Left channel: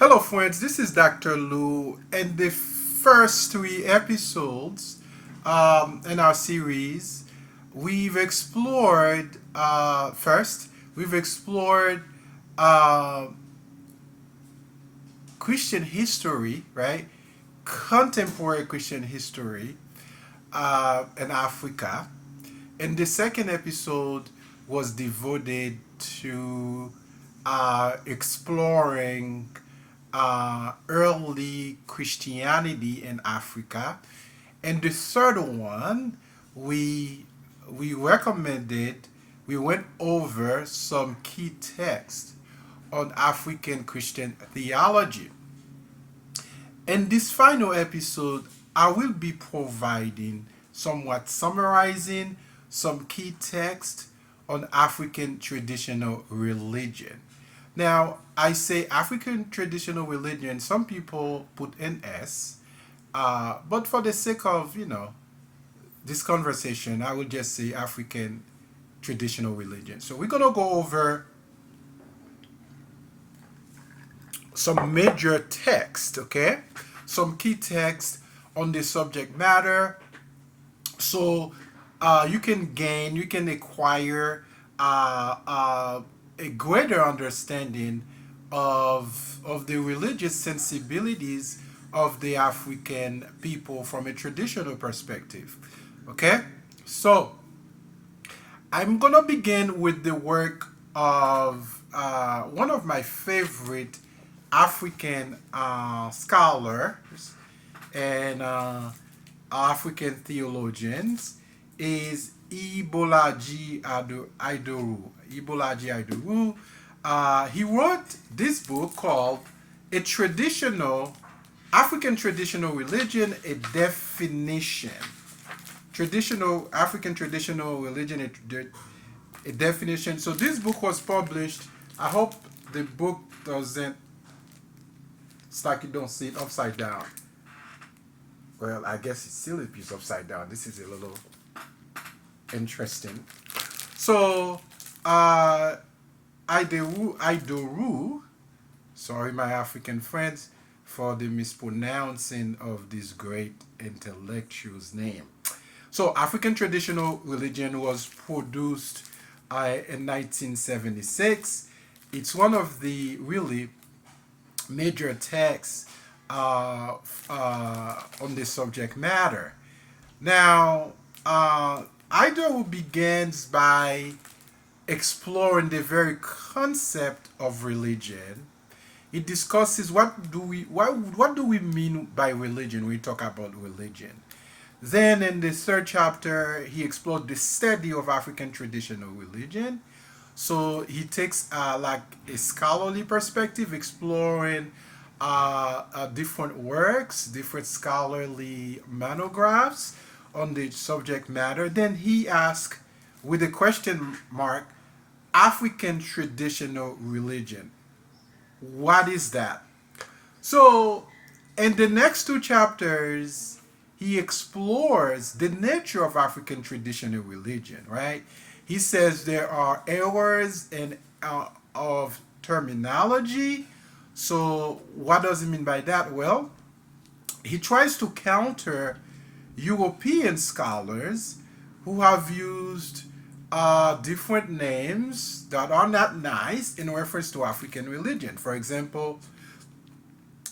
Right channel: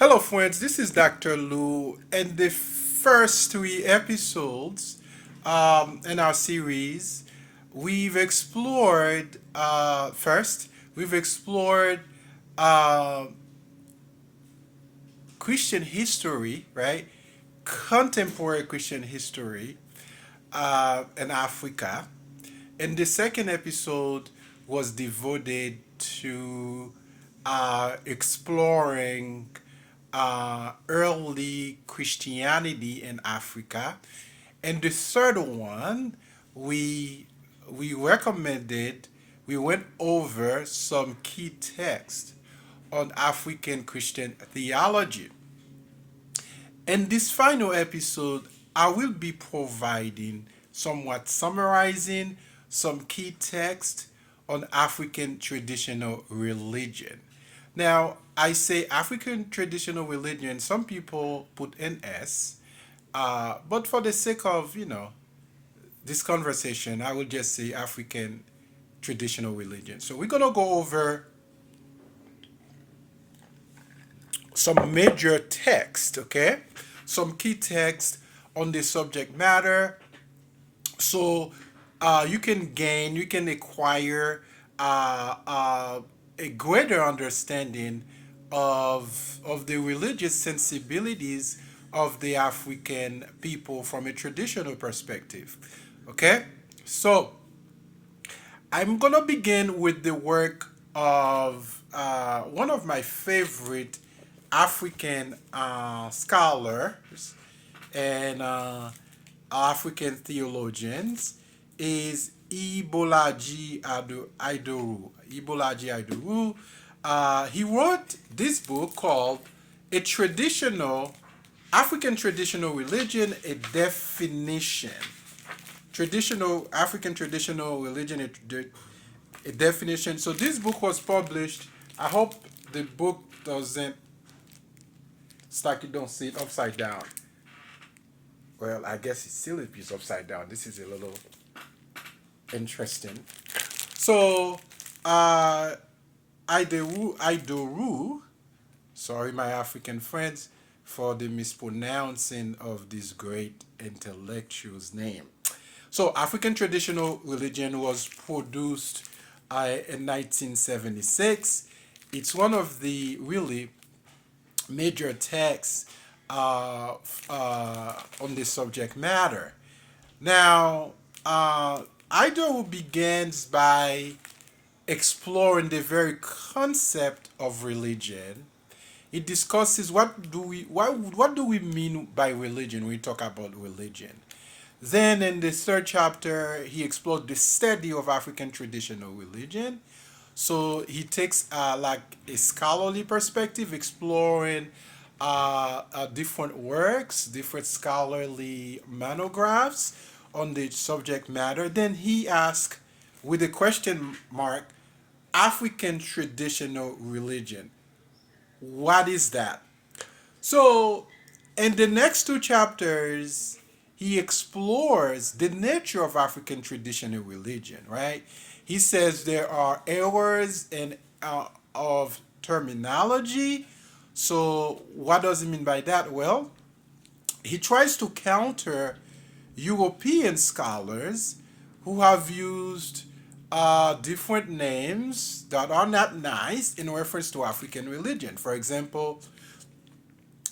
Hello, friends. This is Dr. Lou, and the first three episodes in our series, we've explored. First, we've explored uh, Christian history, right? Contemporary Christian history in Africa. And the second episode was devoted to exploring early Christianity in Africa. And the third one, we we recommended, we went over some key texts on African Christian theology. In this final episode, I will be providing somewhat summarizing some key text on African traditional religion. Now, I say African traditional religion, some people put an S, but for the sake of, this conversation, I will just say African traditional religion. So we're going to go over some major text, okay? Some key text on the subject matter. So you can acquire a greater understanding of the religious sensibilities of the African people from a traditional perspective. Okay, so I'm gonna begin with the work of one of my favorite African scholars and African theologians is Ibolaji Idoru. He wrote this book called "A Traditional African Traditional Religion: A Definition." Traditional African traditional religion, a definition. So this book was published. I hope the book doesn't. It's like you don't see it upside down. Well, I guess it's still a piece upside down. This is a little interesting. So, Idoru, sorry, my African friends, for the mispronouncing of this great intellectual's name. So, African traditional religion was produced in 1976. It's one of the really major texts on this subject matter. Now, Ido begins by exploring the very concept of religion. It discusses what do we mean by religion when we talk about religion. Then in the third chapter, he explored the study of African traditional religion. So he takes like a scholarly perspective, exploring different works, different scholarly monographs on the subject matter. Then he asks, with a question mark, African traditional religion. What is that? So, in the next two chapters, he explores the nature of African traditional religion, right? He says there are errors in of terminology. So, what does he mean by that? Well, he tries to counter European scholars who have used different names that are not nice in reference to African religion. For example,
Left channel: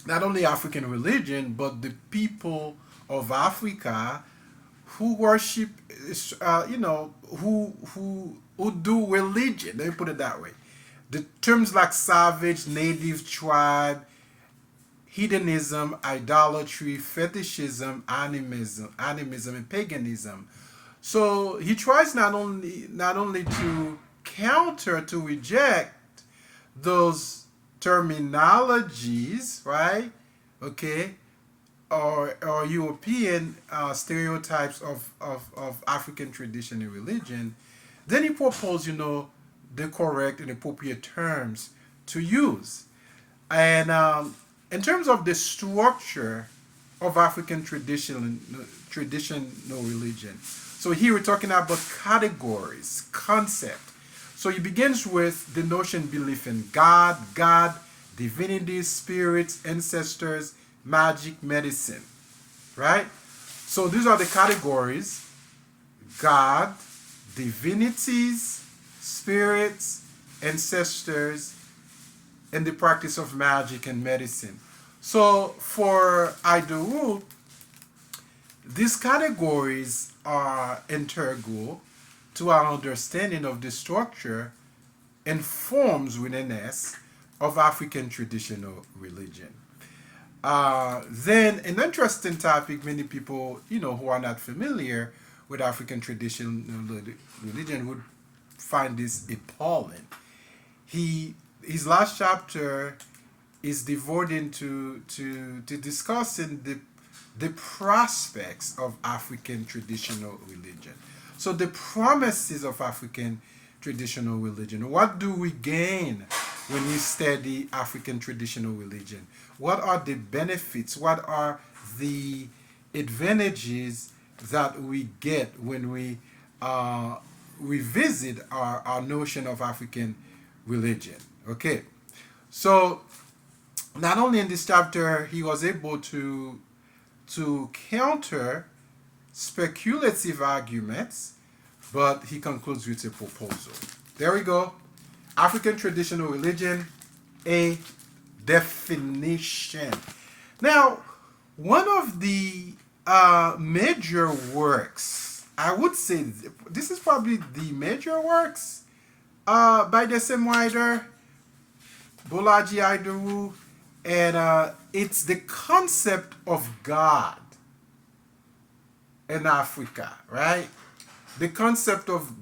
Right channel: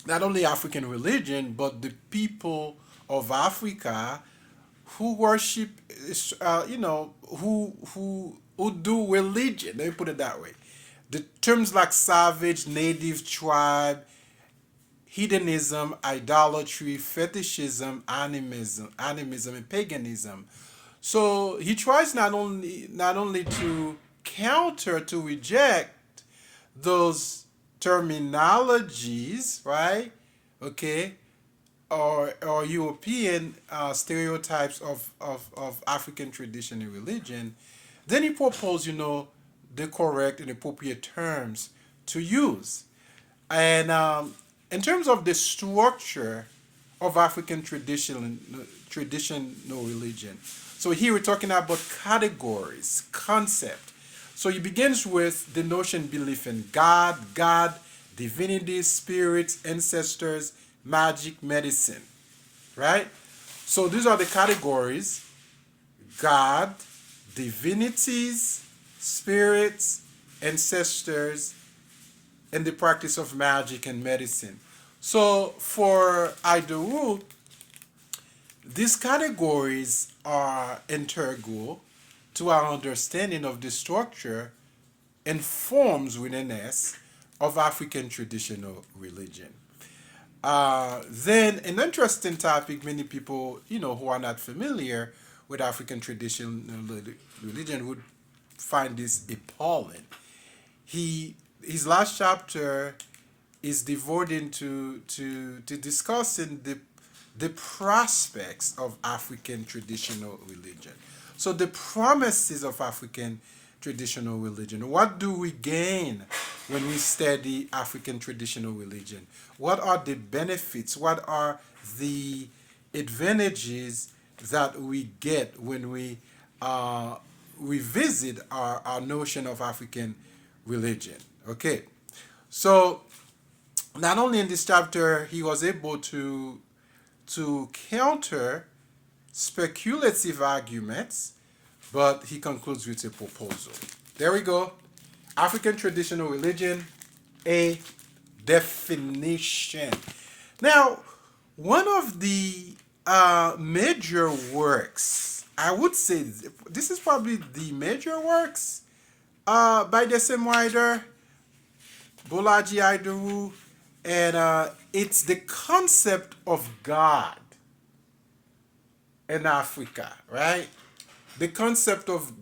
not only African religion, but the people of Africa who worship, who do religion. Let me put it that way. The terms like savage, native, tribe, hedonism, idolatry, fetishism, animism, and paganism. So he tries not only to counter to reject those terminologies, right? Okay, or European stereotypes of African tradition and religion. Then he proposed, the correct and appropriate terms to use. And in terms of the structure of African traditional religion, so here we're talking about categories, concept. So he begins with the notion belief in God, God divinities, spirits, ancestors, magic, medicine, right? So these are the categories: God, divinities, spirits, ancestors, and the practice of magic and medicine. So for Idaho, these categories are integral to our understanding of the structure and forms within us of African traditional religion. Then an interesting topic, many people, who are not familiar with African traditional religion would find this appalling. He his last chapter is devoted to discussing the prospects of African traditional religion. So the promises of African traditional religion. What do we gain when we study African traditional religion? What are the benefits? What are the advantages that we get when we revisit our notion of African religion? Okay, so not only in this chapter he was able to counter speculative arguments, but he concludes with a proposal. There we go. African traditional religion, a definition. Now, one of the major works, I would say this is probably the major works by the same writer, Bolaji Aidewu, and it's the concept of God in Africa, right? The concept of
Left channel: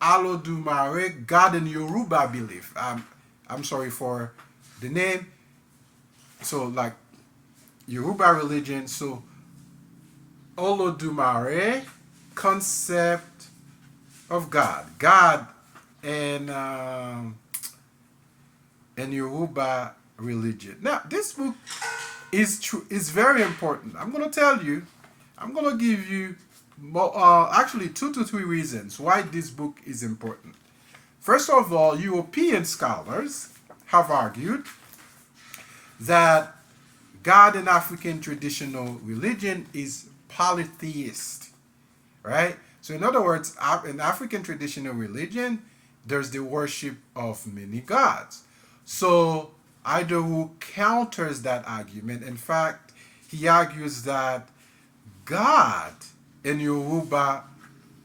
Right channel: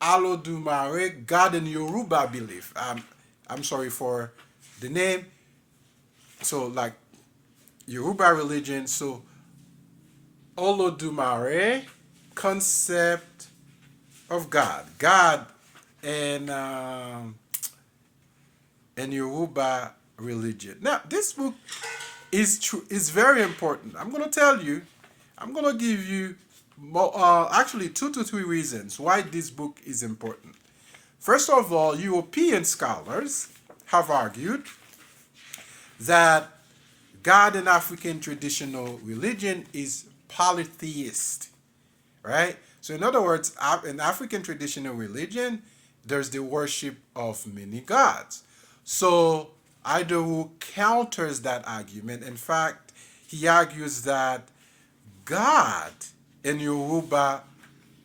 Alodumare, God in Yoruba belief. I'm sorry for the name. So, like Yoruba religion, so Olodumare, concept of God. God and Yoruba religion. Now, this book is very important. I'm going to tell you, I'm going to give you actually 2 to 3 reasons why this book is important. First of all, European scholars have argued that God in African traditional religion is polytheist, right? So, in other words, in African traditional religion, there's the worship of many gods. So, Idaho counters that argument. In fact, he argues that God in Yoruba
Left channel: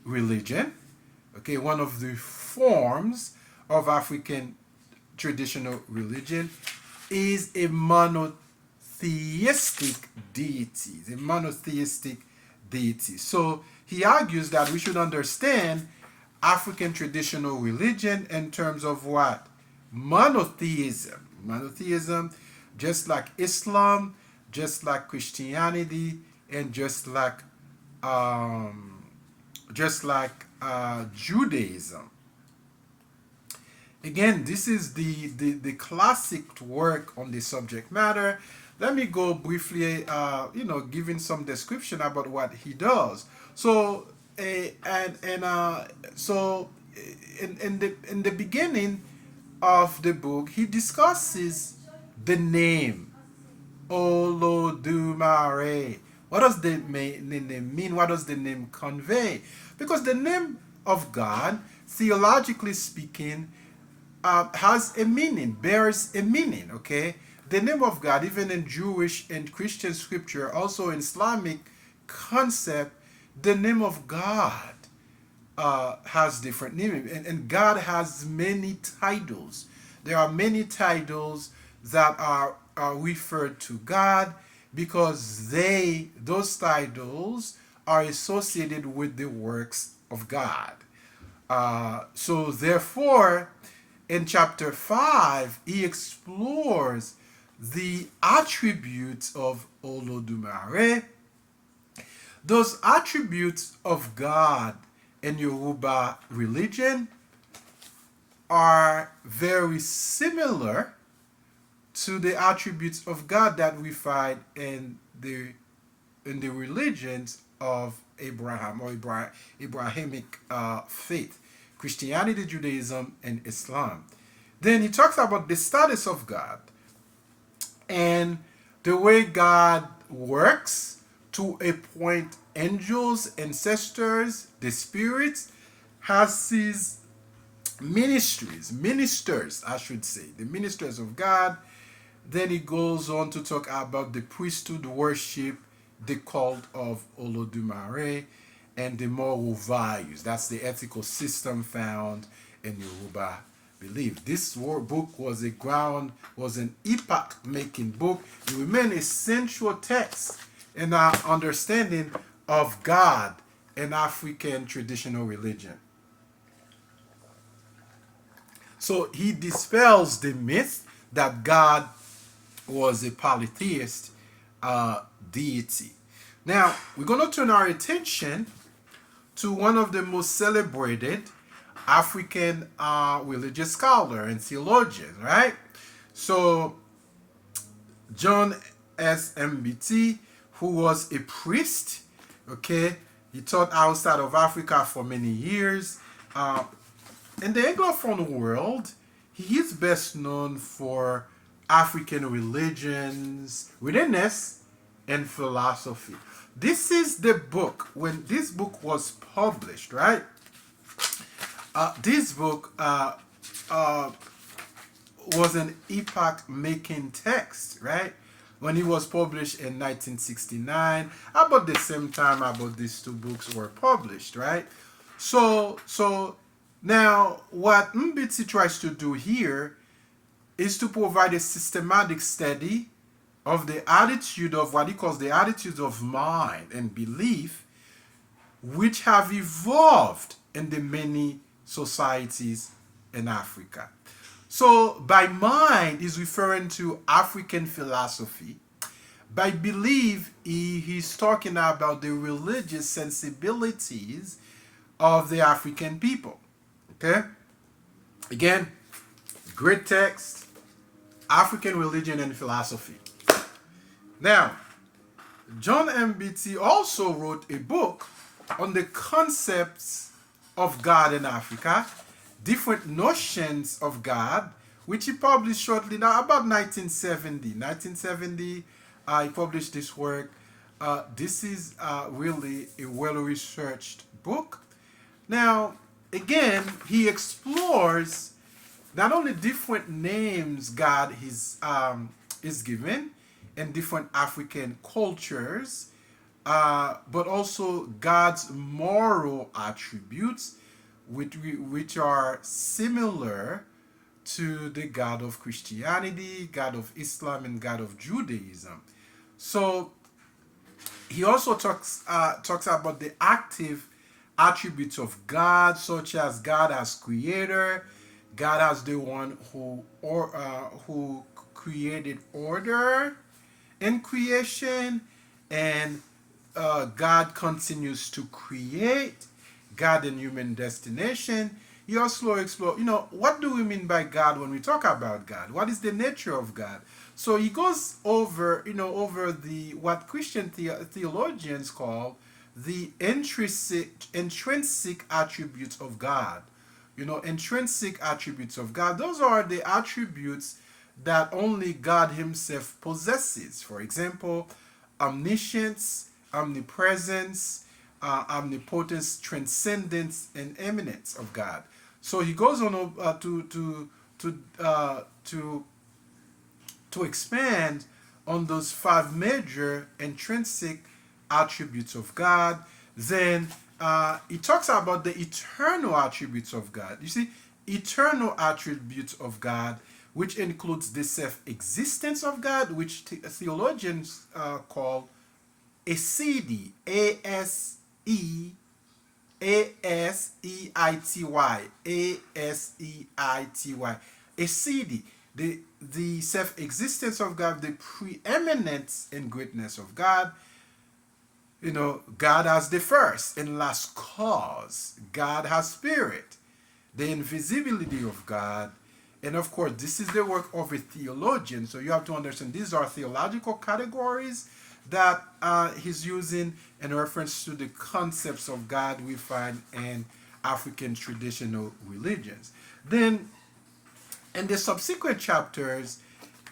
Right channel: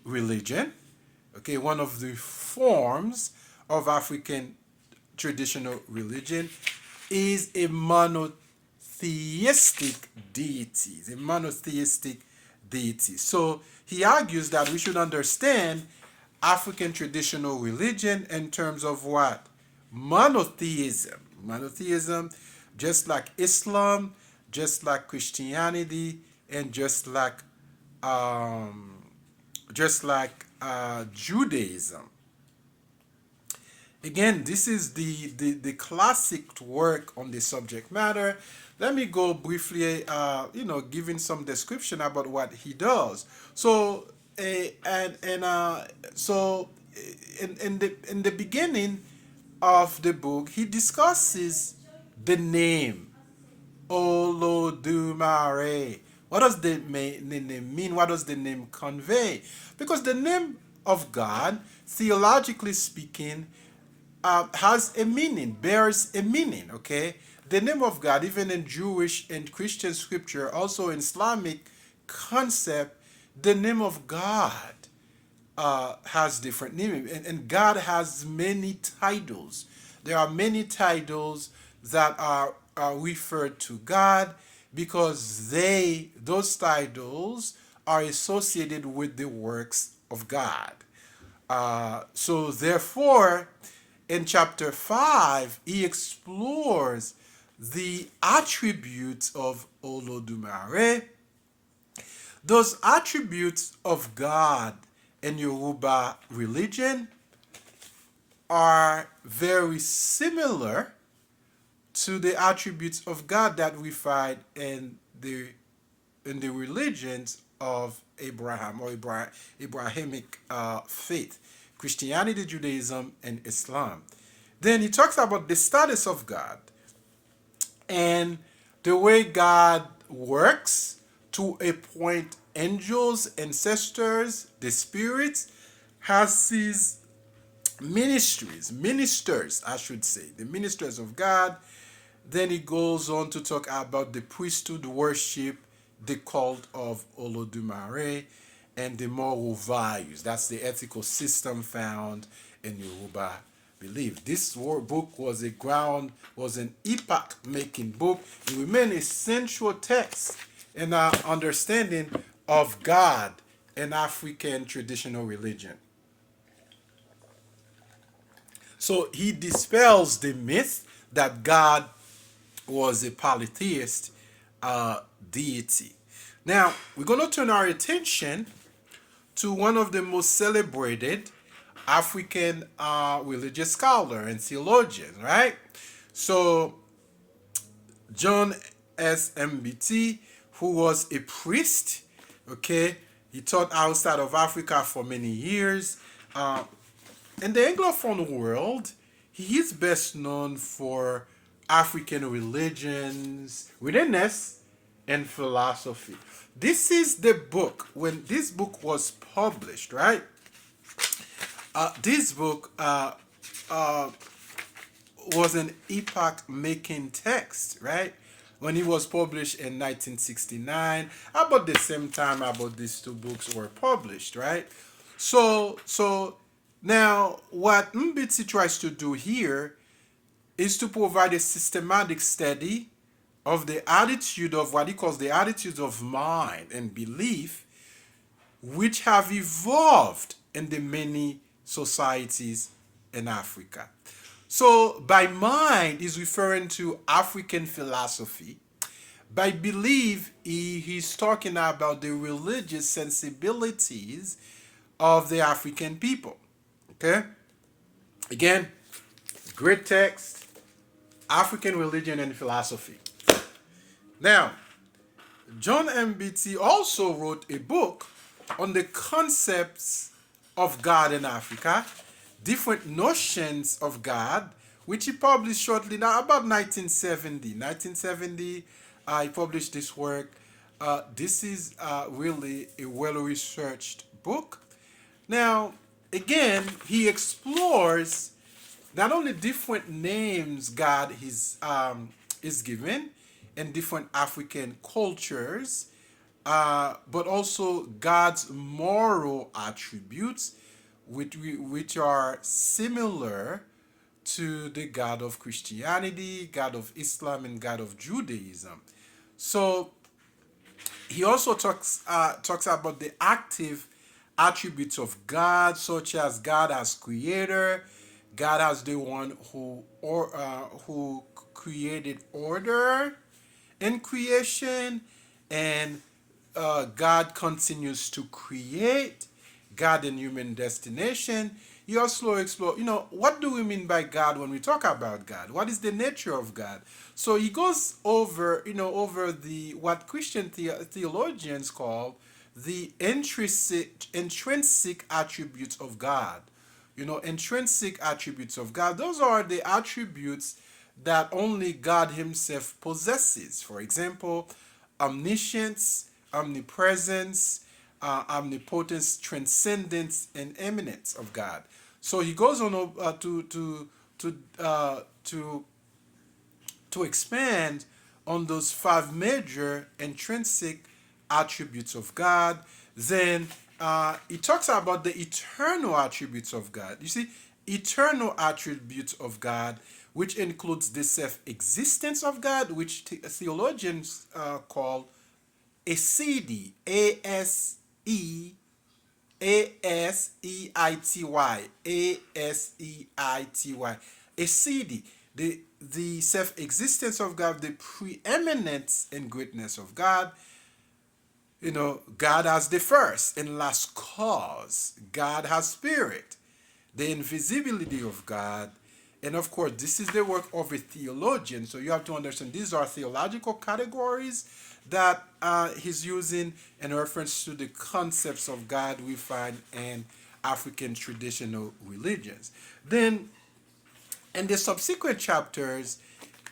religion, okay, one of the forms of African traditional religion, is a monotheistic deity. A monotheistic deity. So he argues that we should understand African traditional religion in terms of what? Monotheism. Monotheism, just like Islam, just like Christianity, and just like Judaism. Again, this is the classic work on the subject matter. Let me go briefly, giving some description about what he does. So, so in the beginning of the book, he discusses the name Olodumare. What does the name mean? What does the name convey? Because the name of God, theologically speaking, has a meaning, bears a meaning, okay? The name of God, even in Jewish and Christian scripture, also in Islamic concept, the name of God has different meaning. And God has many titles. There are many titles that are referred to God because those titles are associated with the works of God. So therefore, in chapter 5, he explores the attributes of Olodumare. Those attributes of God in Yoruba religion are very similar to the attributes of God that we find in the religions of Abraham or Abrahamic faith, Christianity, Judaism, and Islam. Then he talks about the status of God. And the way God works to appoint angels, ancestors, the spirits, has his ministers, I should say, the ministers of God. Then he goes on to talk about the priesthood worship, the cult of Olodumare, and the moral values. That's the ethical system found in Yoruba belief. This book was an epoch-making book. It remained a central text in our understanding of God in African traditional religion. So he dispels the myth that God was a polytheist deity. Now, we're going to turn our attention to one of the most celebrated African religious scholar and theologian, right? So, John S. MBT, who was a priest, okay, he taught outside of Africa for many years. In the Anglophone world, he is best known for African religions, witness, and philosophy. This is the book, when this book was published, right? This book was an epoch making text, right? When it was published in 1969, about the same time about these two books were published, right? So now what Mbitsi tries to do here is to provide a systematic study of the attitude of what he calls the attitudes of mind and belief which have evolved in the many societies in Africa. So, by mind, he's referring to African philosophy. By belief, he's talking about the religious sensibilities of the African people. Okay? Again, great text, African religion and philosophy. Now, John MBT also wrote a book on the concepts of God in Africa, different notions of God, which he published shortly now, about 1970. 1970, he published this work. This is really a well-researched book. Now, again, he explores not only different names God is given in different African cultures, but also God's moral attributes, which are similar to the God of Christianity, God of Islam, and God of Judaism. So he also talks about the active attributes of God, such as God as creator, God as the one who created order in creation, and God continues to create, God and human destination. He also explores, what do we mean by God when we talk about God? What is the nature of God? So he goes over, over the what Christian theologians call the intrinsic attributes of God. Intrinsic attributes of God. Those are the attributes that only God Himself possesses. For example, omniscience, omnipresence, omnipotence, transcendence, and eminence of God. So he goes on to expand on those five major intrinsic attributes of God. Then he talks about the eternal attributes of God. You see, eternal attributes of God, which includes the self-existence of God, which theologians call Asedi, A-S-E-I-T-Y, A-S-E-I-T-Y, Asedi, the self-existence of God, the preeminence and greatness of God. God has the first and last cause. God has spirit, the invisibility of God. And of course, this is the work of a theologian. So you have to understand these are theological categories that he's using in reference to the concepts of God we find in African traditional religions. Then, in the subsequent chapters,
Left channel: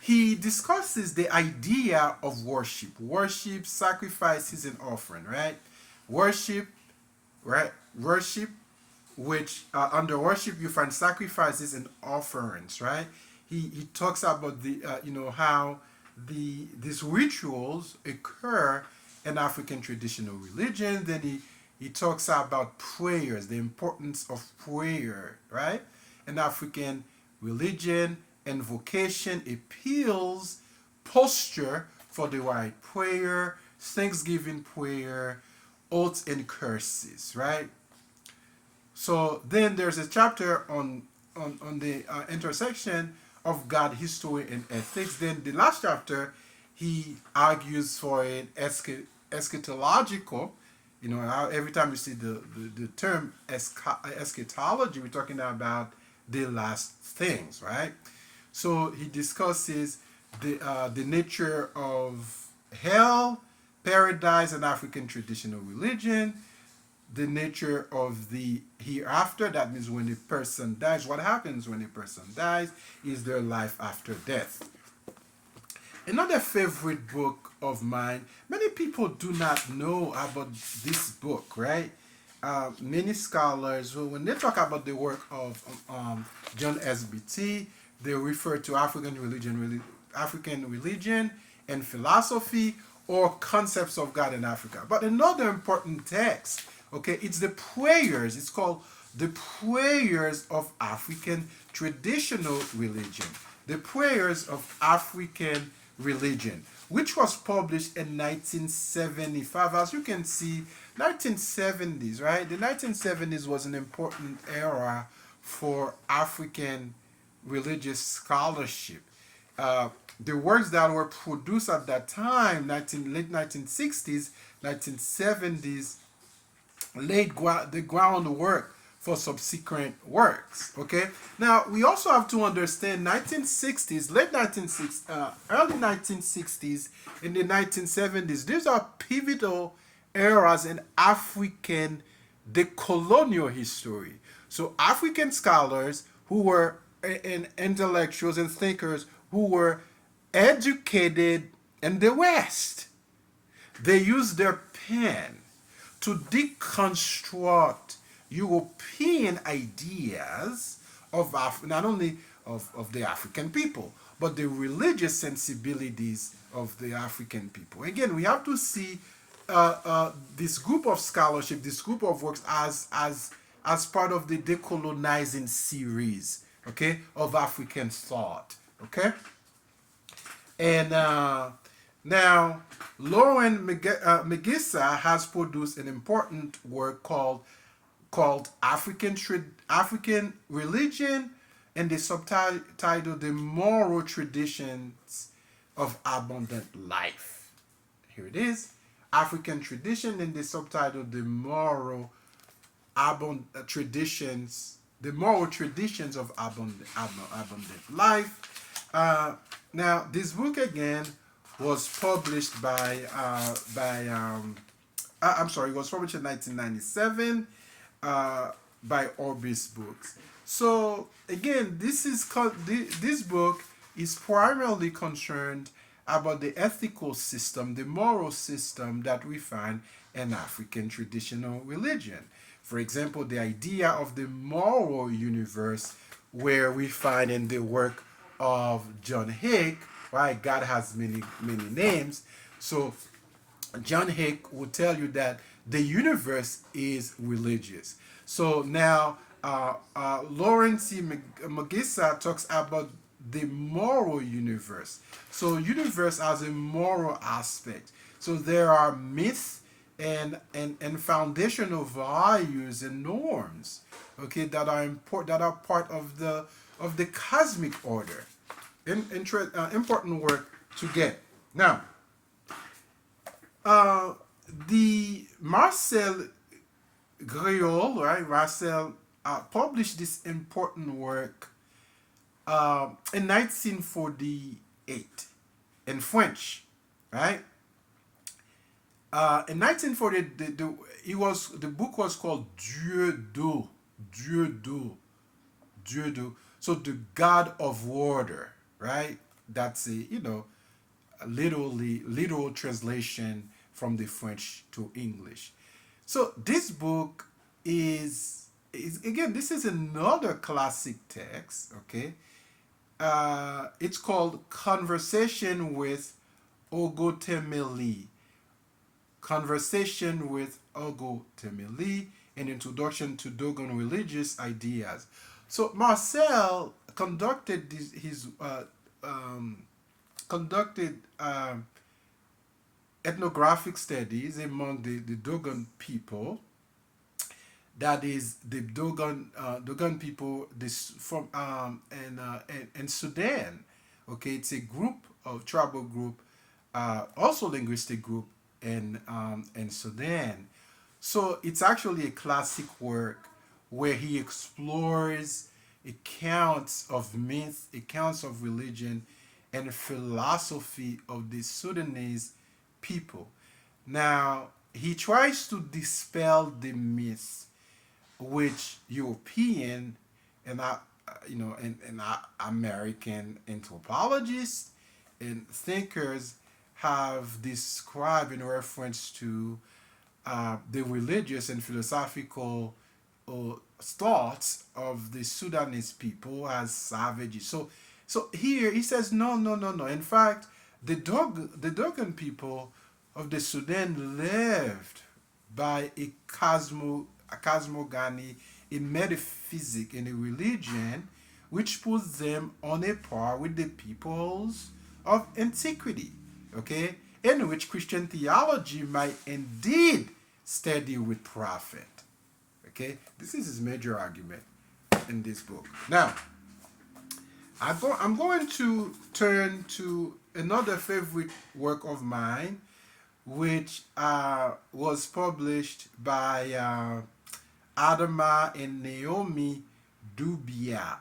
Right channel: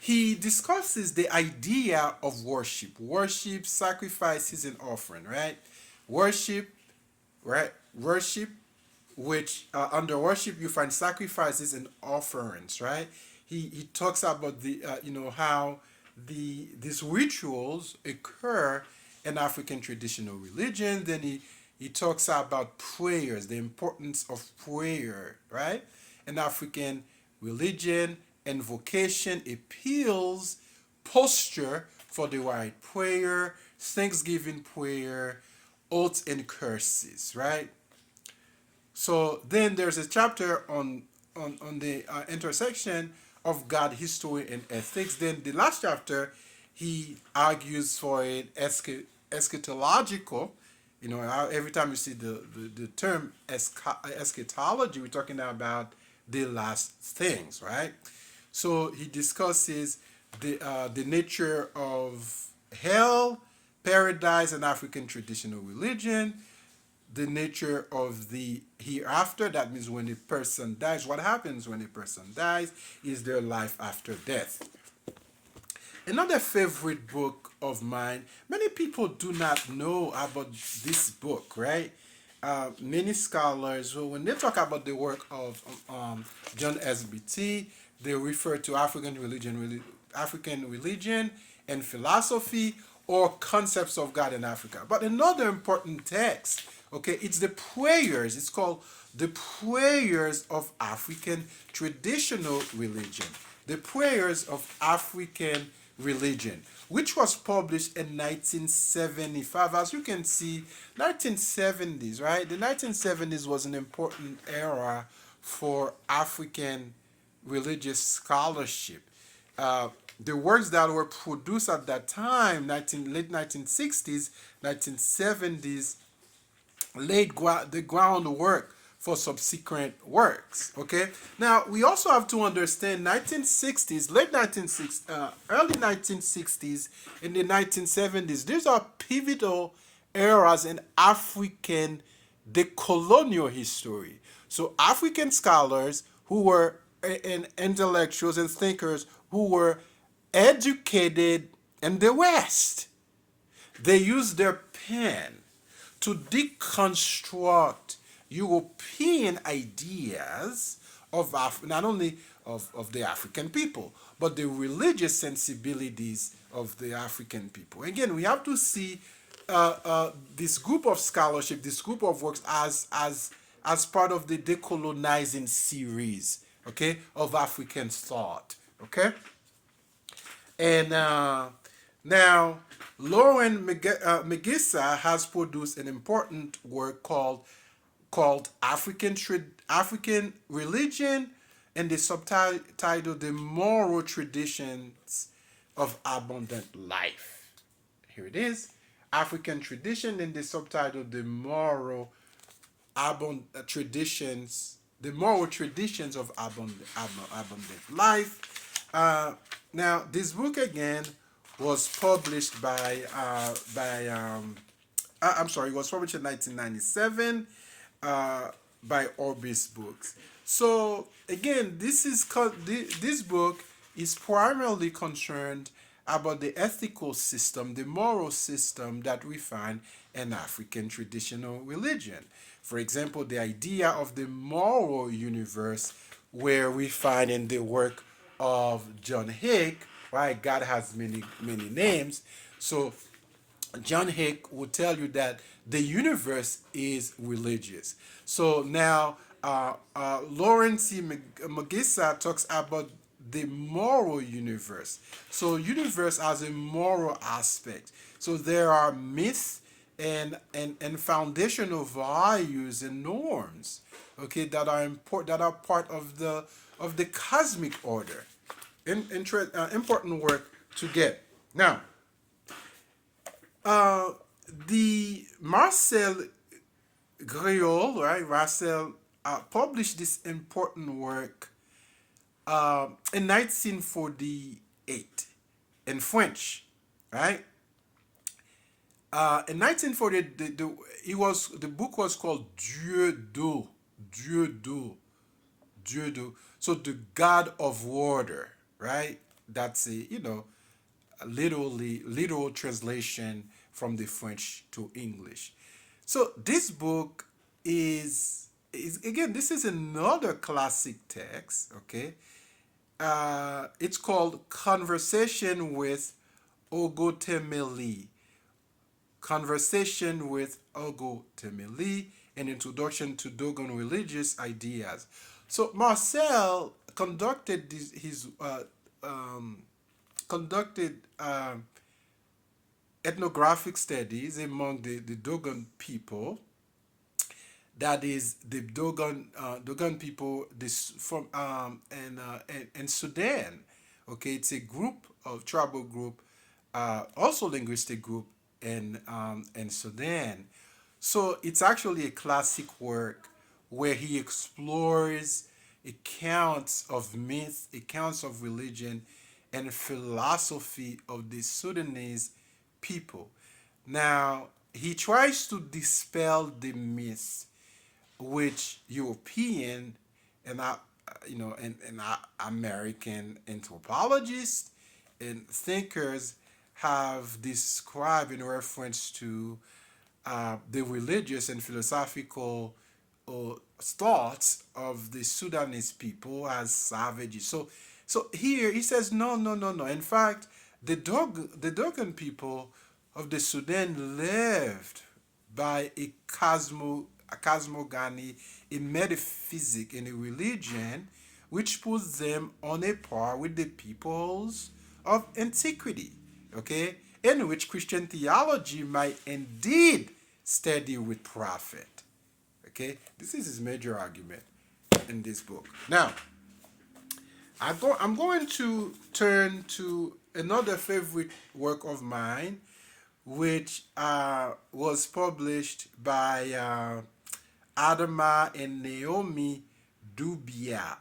he discusses the idea of worship. Worship, sacrifices, and offering, right? Worship, right? Worship, which under worship you find sacrifices and offerings, right? He talks about the how these rituals occur in African traditional religion. Then he talks about prayers, the importance of prayer, right? In African religion, invocation, appeals, posture for the right prayer, thanksgiving prayer, oaths and curses, right? So then there's a chapter on the intersection of God, history, and ethics. Then the last chapter, he argues for an eschatological. Every time you see the term eschatology, we're talking about the last things, right? So he discusses the nature of hell, paradise, and African traditional religion, the nature of the hereafter. That means when a person dies, what happens when a person dies? Is there life after death? Another favorite book of mine, many people do not know about this book, right? Many scholars, who, when they talk about the work of John SBT, they refer to African religion and philosophy, or concepts of God in Africa. But another important text, okay, it's the prayers. It's called the prayers of African traditional religion. The prayers of African religion, which was published in 1975. As you can see, 1970s, right? The 1970s was an important era for African religious scholarship. The works that were produced at that time, late 1960s, 1970s, laid the groundwork for subsequent works. Okay. Now we also have to understand 1960s, late 1960s, early 1960s, in the 1970s. These are pivotal eras in African decolonial history. So African scholars who were and intellectuals and thinkers who were educated in the West, they used their pen to deconstruct European ideas of not only of the African people, but the religious sensibilities of the African people. Again, we have to see this group of scholarship, this group of works, as part of the decolonizing series, okay, of African thought, okay. And now, Lauren Magissa has produced an important work called African Religion, and the subtitle The Moral Traditions of Abundant Life. Here it is, African Tradition, and the subtitle The Moral Traditions, The Moral Traditions of Abundant Life. Now, this book again was published it was published in 1997 by Orbis Books. So again, this book is primarily concerned about the ethical system, the moral system that we find in African traditional religion. For example, the idea of the moral universe, where we find in the work of John Hick, right? God has many names. So John Hick will tell you that the universe is religious. So now, Lauren C. Magissa talks about the moral universe. So universe has a moral aspect. So there are myths and foundational values and norms, okay, that are important, that are part of the cosmic order. Important work to get. Now, the Marcel Griol, right? Marcel published this important work in 1948 in French, right? In 1948, the book was called Dieu d'eau, Dieu d'eau, Dieu d'eau. So the God of water, right? That's a literal translation from the French to English. So this book is again, this is another classic text. Okay, it's called Conversation with Ogotemeli. Conversation with Ogotemeli, an introduction to Dogon religious ideas. So Marcel conducted his conducted ethnographic studies among the Dogon people. That is the Dogon people this from in Sudan. Okay, it's a group of tribal group, also linguistic group in Sudan. So it's actually a classic work where he explores accounts of myth, accounts of religion, and philosophy of the Sudanese people. Now, he tries to dispel the myths which European and American anthropologists and thinkers have described in reference to the religious and philosophical thoughts of the Sudanese people as savages. So here he says no, no, no, no. In fact, the Dogon people of the Sudan lived by a cosmogony, a metaphysic, and a religion which puts them on a par with the peoples of antiquity, okay, in which Christian theology might indeed study with profit. Okay, this is his major argument in this book. Now, I'm going to turn to another favorite work of mine, which was published by Adama and Naomi Dubia.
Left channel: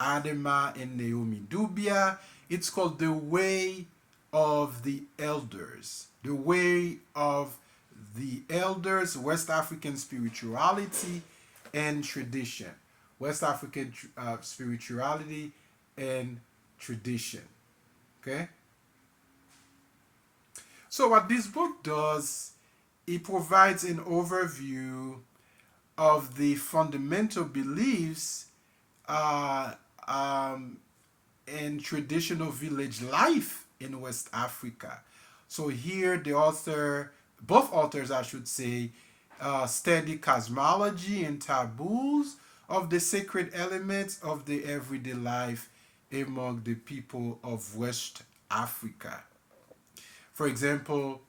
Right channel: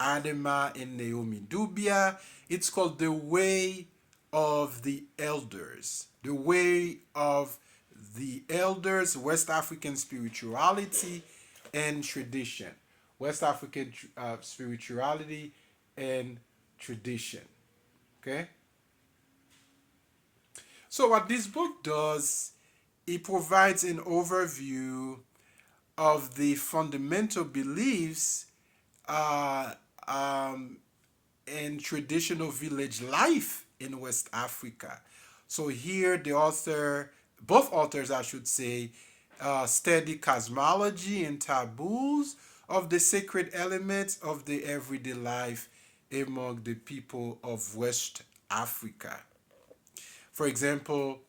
Adama and Naomi Dubia. It's called The Way of the Elders. The Way of the Elders, West African Spirituality and Tradition. West African spirituality and tradition. Okay? So, what this book does, it provides an overview of the fundamental beliefs uh, um, in traditional village life in West Africa. So here both authors, I should say, study cosmology and taboos of the sacred elements of the everyday life among the people of West Africa. For example,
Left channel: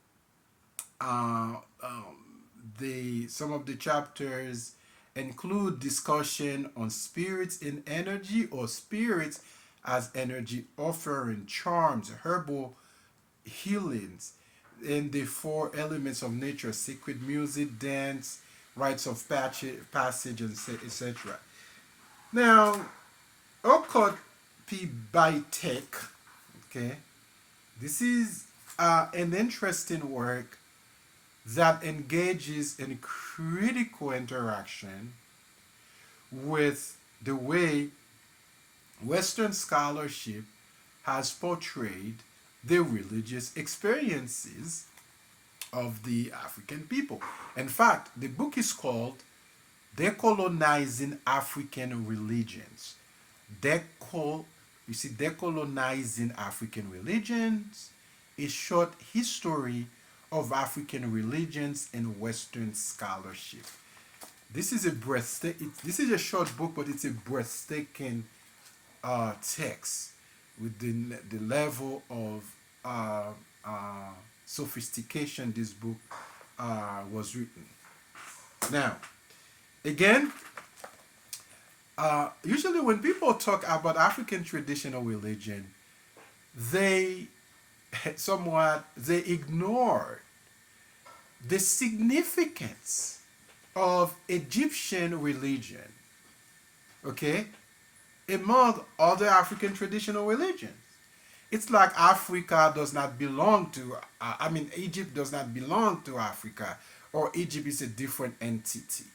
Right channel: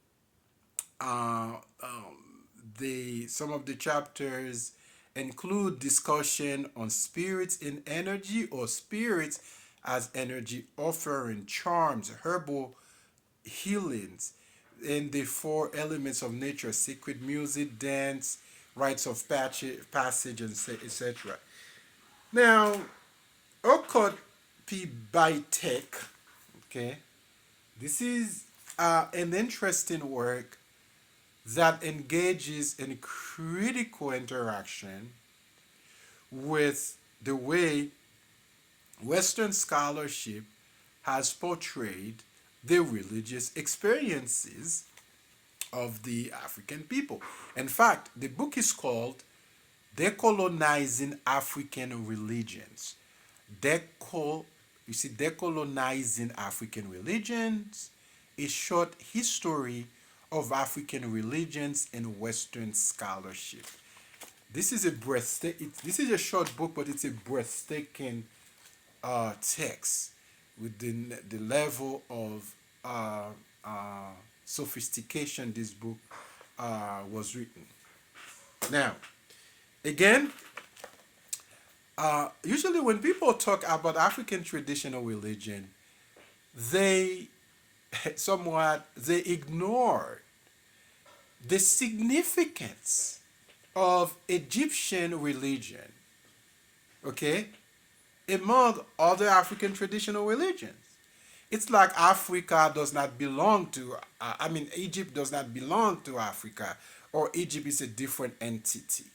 uh, um, some of the chapters include discussion on spirits in energy or spirits as energy offering, charms, herbal healings, and the four elements of nature: sacred music, dance, rites of passage, and etc. Now, Okot P. Baitek, okay, this is an interesting work that engages in critical interaction with the way Western scholarship has portrayed the religious experiences of the African people. In fact, the book is called Decolonizing African Religions. Decolonizing African Religions, a short history of African religions and Western scholarship. This is a short book, but it's a breathtaking text with the level of uh, uh, sophistication this book was written. Now, again, usually when people talk about African traditional religion, they they ignore the significance of Egyptian religion, okay, among other African traditional religions. It's like Africa does not belong to, Egypt does not belong to Africa, or Egypt is a different entity.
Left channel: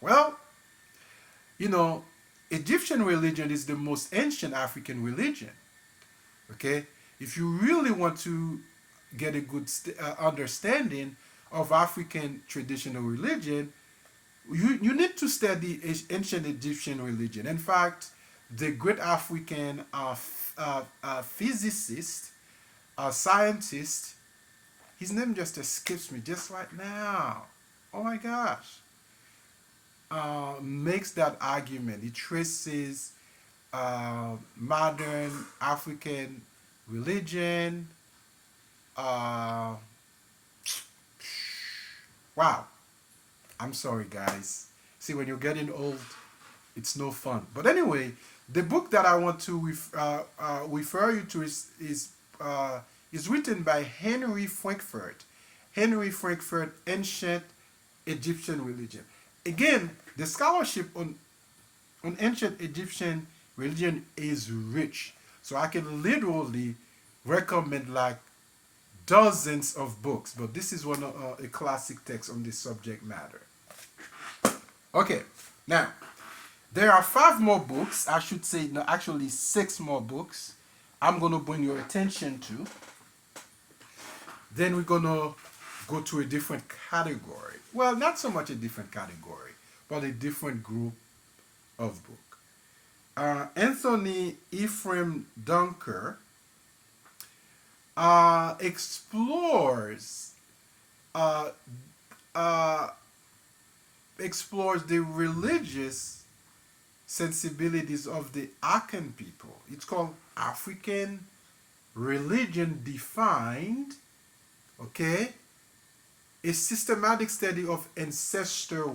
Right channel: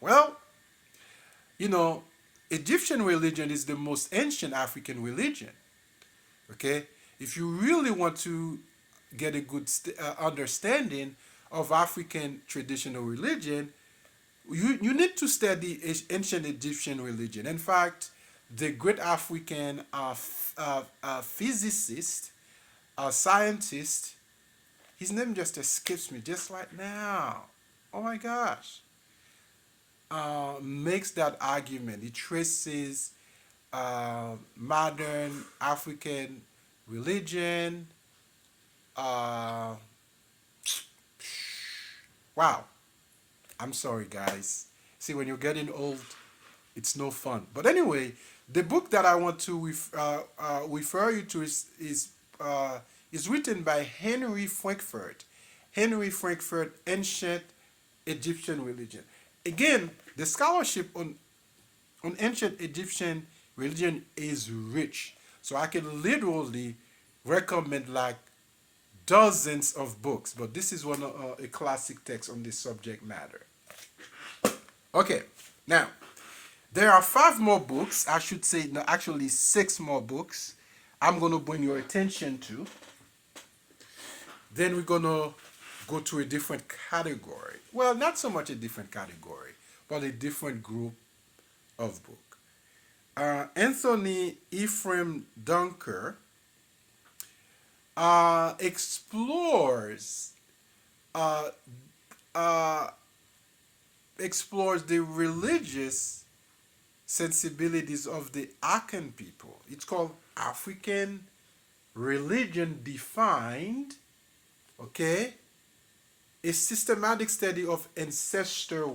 Well, you know, Egyptian religion is the most ancient African religion, Okay, if you really want to get a good understanding of African traditional religion, you need to study ancient Egyptian religion. In fact, the great African physicist, scientist, his name just escapes me just right now. Oh my gosh. Makes that argument. He traces modern African religion. Uh, wow. I'm sorry, guys. See, when you're getting old, it's no fun. But anyway, the book that I want to refer you to is written by Henry Frankfurt. Henry Frankfurt, Ancient Egyptian Religion. Again, the scholarship on ancient Egyptian religion is rich. So I can literally recommend like dozens of books, but this is one of a classic text on this subject matter. Okay, now there are five more books. I should say, no, actually six more books. I'm gonna bring your attention to. Then we're gonna go to a different category. Well, not so much a different category, but a different group of book. Anthony Ephraim Dunker explores uh, uh, explores the religious sensibilities of the Akan people. It's called African Religion Defined. Okay, a systematic study of ancestor